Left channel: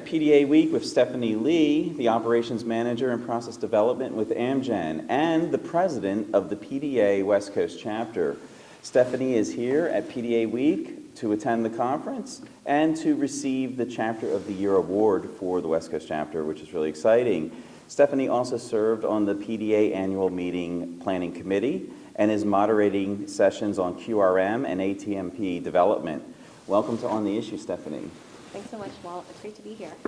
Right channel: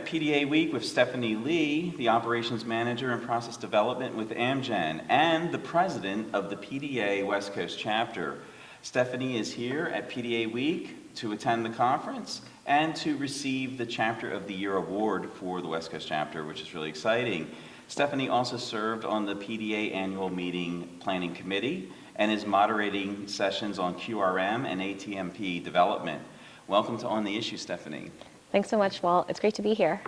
at PDA Week with Stephanie Lee, the Operations Manager in Process Development with Amgen, and the President of the PDA West Coast Chapter. Stephanie is here at PDA Week to attend the conference and to receive the Chapter of the Year Award for the West Coast Chapter, which is really exciting. Stephanie also served on the PDA Annual Meeting Planning Committee and is moderating sessions on QRM and ATMP development. Welcome to On the Issue, Stephanie. Thanks so much, Walt. It's great to be here.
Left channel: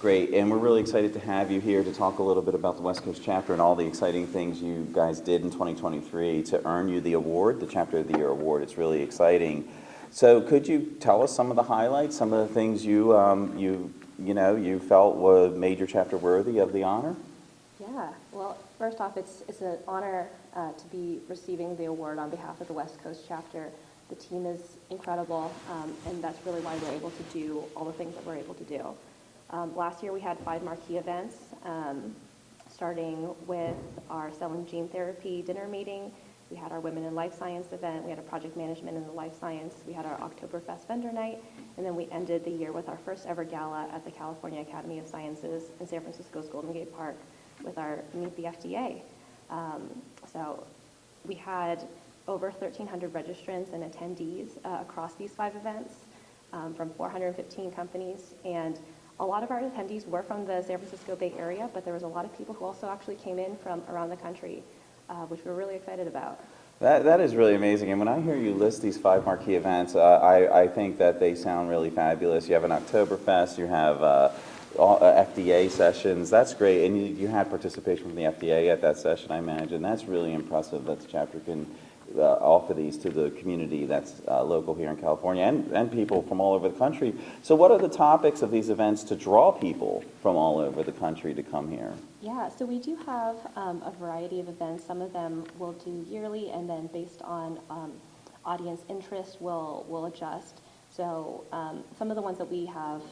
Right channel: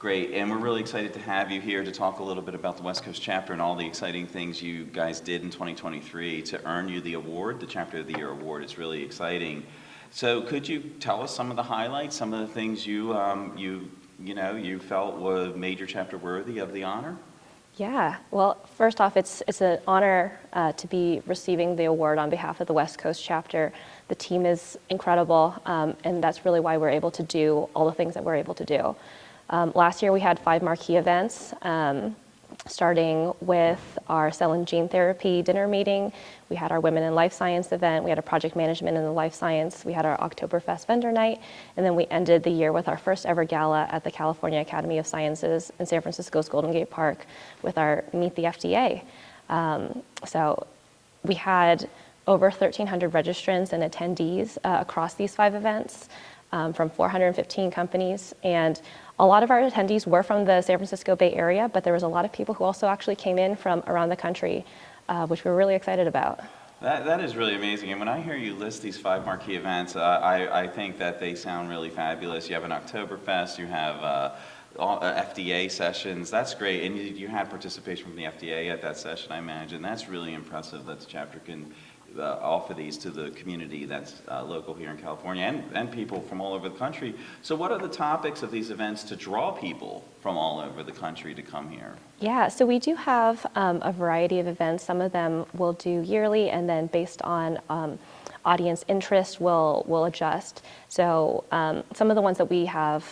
Great, and we're really excited to have you here to talk a little bit about the West Coast Chapter and all the exciting things you guys did in 2023 to earn you the award, the Chapter of the Year Award. It's really exciting. So could you tell us some of the highlights, some of the things you felt made your chapter worthy of the honor? Yeah, well, first off, it's an honor to be receiving the award on behalf of the West Coast Chapter. The team is incredible, and that's really why we're able to do all the things that we're able to do. Last year we had 5 marquee events, starting with our cell and gene therapy dinner meeting. We had our Women in Life Science event. We had a project management in the life science. We had our Oktoberfest vendor night. And then we ended the year with our first ever gala at the California Academy of Sciences in San Francisco's Golden Gate Park with our Meet the FDA. So we had over 1,300 registrants and attendees across these 5 events from 415 companies. And a lot of our attendees were from the San Francisco Bay Area, but there was a lot of people who also actually came in from around the country, which we're really excited about. That is really amazing. And when I hear you list these 5 marquee events, I think that they sound really fabulous. You have an Oktoberfest, you have FDA sessions. That's great. And you had participation from the FDA at that session, I imagine. That's really impressive that the chapter can offer these to the community that's local here in California and people from all over the country. So what are the topics of these events to draw people from all over the country to come here? Yeah, so we do have a variety of events. Some of them we'll do yearly, and then based on audience interest, we'll adjust. So some of the ones that we have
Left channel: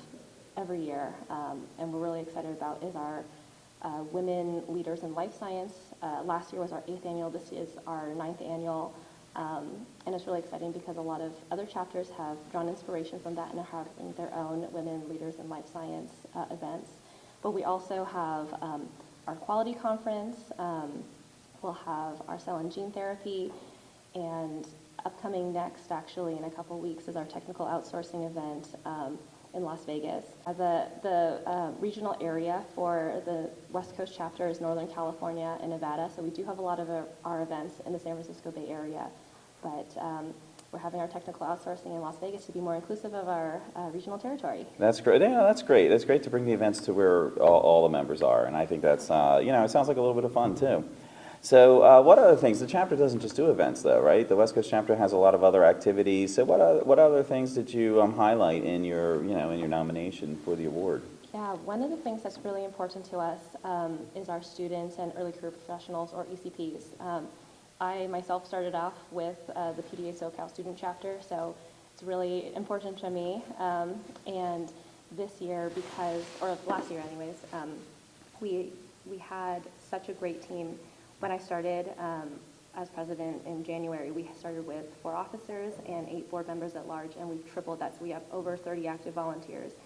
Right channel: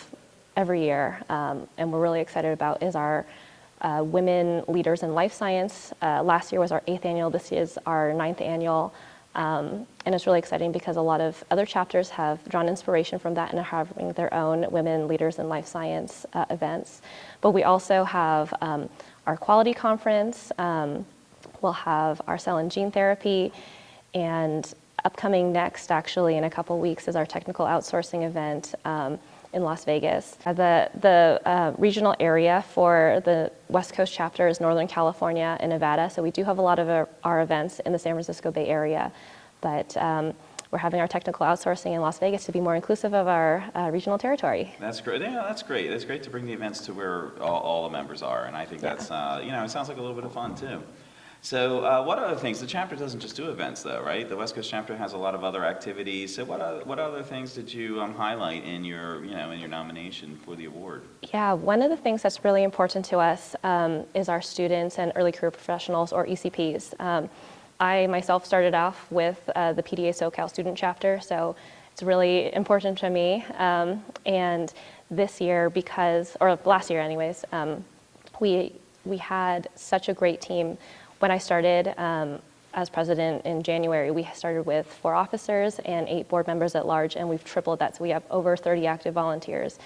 every year and we're really excited about is our Women Leaders in Life Science. Last year was our 8th annual, this is our 9th annual. And it's really exciting because a lot of other chapters have drawn inspiration from that and are having their own Women Leaders in Life Science events. But we also have our quality conference, we'll have our cell and gene therapy, and upcoming next, actually in a couple weeks, is our technical outsourcing event in Las Vegas. The regional area for the West Coast Chapter is Northern California and Nevada, so we do have a lot of our events in the San Francisco Bay Area, but we're having our technical outsourcing in Las Vegas to be more inclusive of our regional territory. That's great. Yeah, that's great. It's great to bring the events to where all the members are, and I think that's, it sounds like a little bit of fun too. So what other things? The chapter doesn't just do events though, right? The West Coast Chapter has a lot of other activities. So what other things did you highlight in your nomination for the award? Yeah, one of the things that's really important to us is our students and early career professionals, or ECPs. I myself started off with the PDA SoCal Student Chapter, so it's really important to me. And this year, last year anyways, we had such a great team. When I started as president in January, we started with 4 officers and 8 board members at large, and we've tripled that, so we have over 30 active volunteers.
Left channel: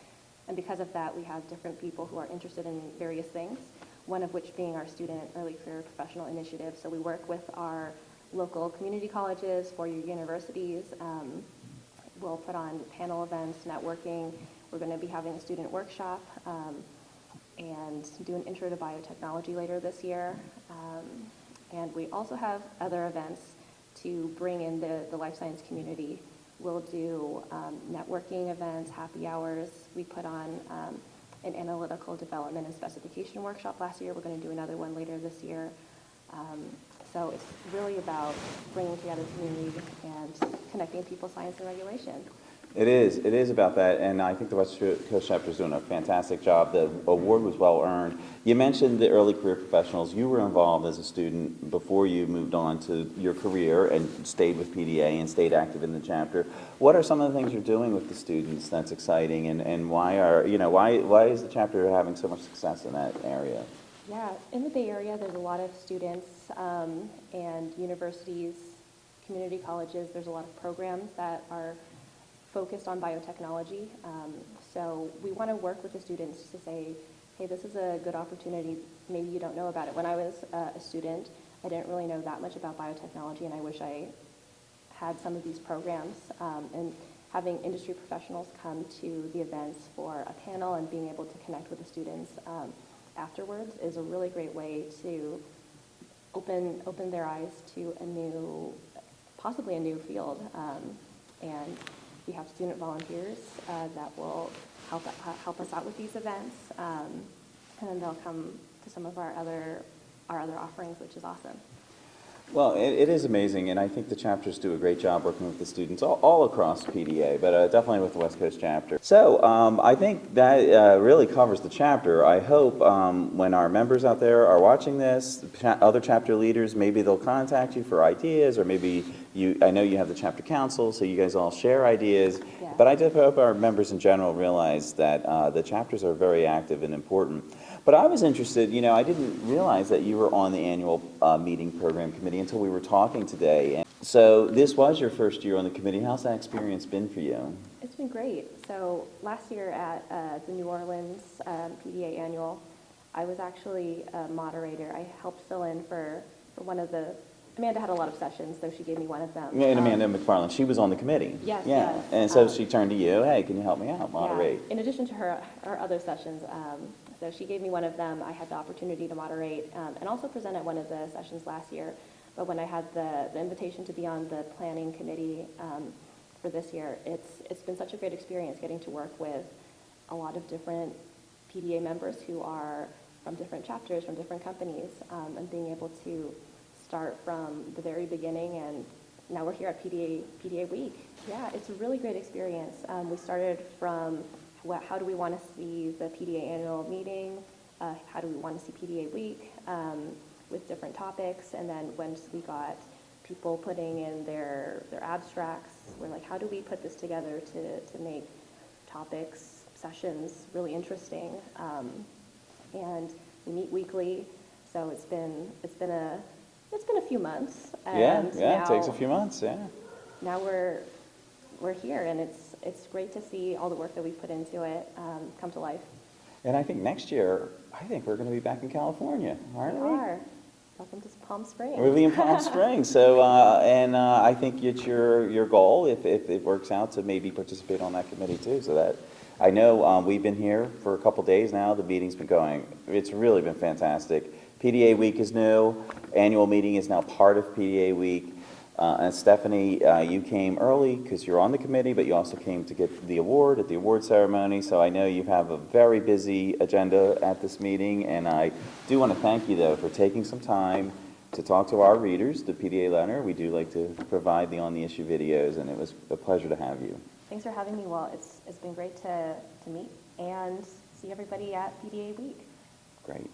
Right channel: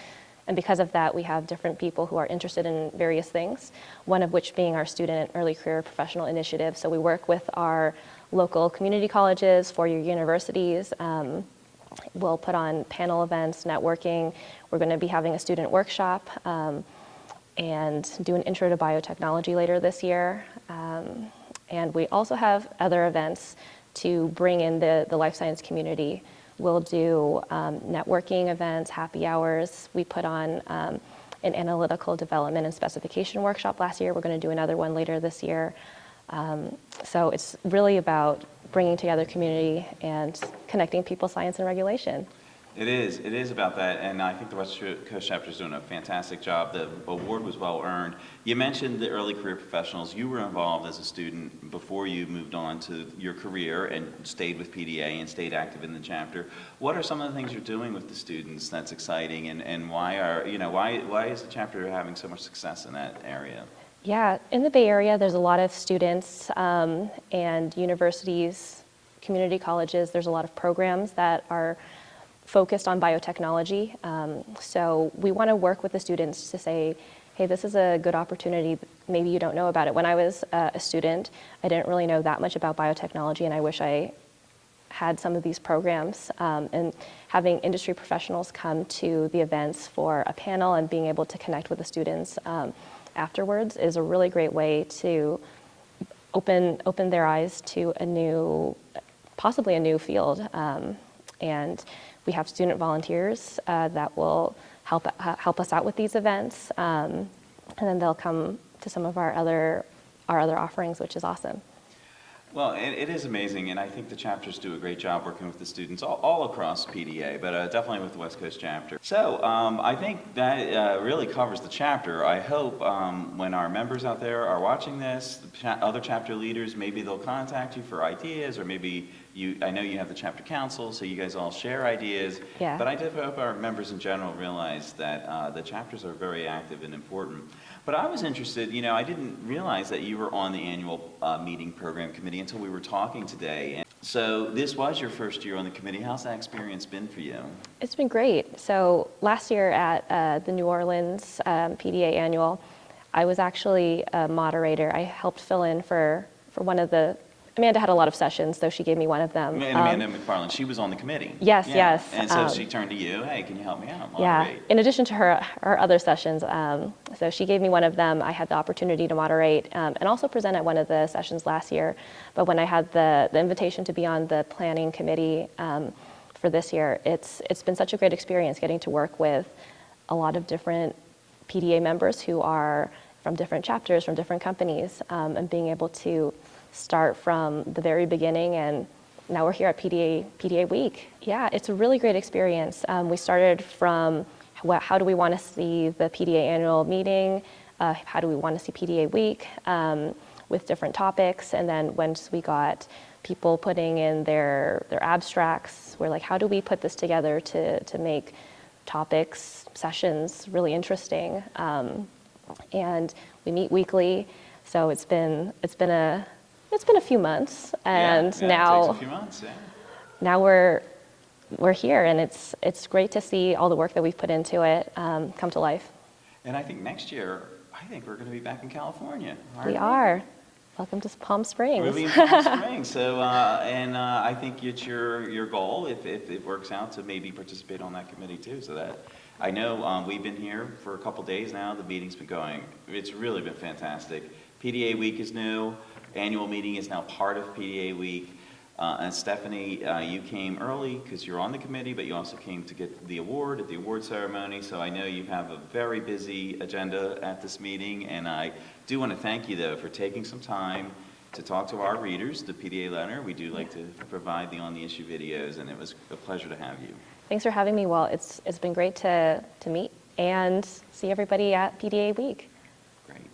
And because of that, we have different people who are interested in various things, one of which being our Student Early Career Professional Initiative. So we work with our local community colleges, 4-year universities. We'll put on panel events, networking. We're going to be having a student workshop and do an intro to biotechnology later this year. And we also have other events to bring in the life science community. We'll do networking events, happy hours. We put on an analytical development and specification workshop last year. We're going to do another one later this year. So it's really about bringing together community and connecting people, science, and regulation. It is about that, and I think the West Coast Chapter is doing a fantastic job. The award was well earned. You mentioned the early career professionals. You were involved as a student before you moved on to your career and stayed with PDA and stayed active in the chapter. What are some of the things you're doing with the students that's exciting, and why is the chapter having so much success in that area? Yeah, in the Bay Area, there's a lot of students and universities, community colleges. There's a lot of programs that are focused on biotechnology. So we want to work with the students to say, hey, this is a good opportunity. Maybe you don't know about it. When I was a student, I didn't really know that much about biotechnology, and I wish I had some of these programs. And having industry professionals come to the events for a panel and being able to connect with the students afterwards is a really great way to open their eyes to possibly a new field. And we have student volunteers that will help us out with these events, and then they'll come to some of our other offerings, which is awesome. Well, it is amazing, and I think the chapters do a great job working with the students all across PDA, but definitely with the West Coast chapter. So I think that really covers the chapter. I hope when our members out there are watching this, other chapter leaders, maybe they'll contact you for ideas, or maybe I know you have the chapter council, so you guys all share ideas. Yeah. But I do hope our members in general realize that the chapters are very active and important. But I was interested, I didn't realize that you were on the annual meeting program committee until we were talking today. And so this was your first year on the committee. How's that experience been for you? It's been great. So last year at the New Orleans PDA annual, I was actually a moderator. I helped fill in for one of Amanda had a lot of sessions, so she gave me one of them. And Amanda McFarland, she was on the committee. Yes, yeah. Yes. And so she turned to you, hey, can you help me out, moderate? Yeah, in addition to her other sessions. So she gave me one of them. I had the opportunity to moderate and also present at one of the sessions last year. But when I had the invitation to be on the planning committee for this year, it's been such a great experience getting to work with a lot of different PDA members who are from different chapters, from different companies, and being able to start from the very beginning, and now we're here at PDA Week. Yeah, it's a really great experience. We started from how do we want to see the PDA annual meeting, how do we want to see PDA Week with different topics, and then once we got people putting in their abstracts, we're like, how do we put this together to make topics, sessions really interesting? And we meet weekly, so it's been a few months, and now it takes a few months. Yeah. Now we're here, and it's great to see all the work that we've put into it come to life. And I think next year, I think we're going to be back in California. We are. Welcome to Palm Springs. We'll be in Palm Springs. So, I think it's your goal, if it works out, to maybe participate on that committee too. So that I know we've been here for a couple days now. The meeting's been going. It's really been fantastic. PDA Week is new. Annual meeting is now part of PDA Week. And Stephanie, you came early because you're on the committee, but you also came to get the award at the award ceremony. So I know you have a very busy agenda at this meeting. And I do want to thank you, though, for taking some time to talk to our readers, the PDA letter. We do like to provide the On the Issue videos, and it was a pleasure to have you. Thanks for having me. Well, it's been great to meet and see everybody at PDA Week. Great.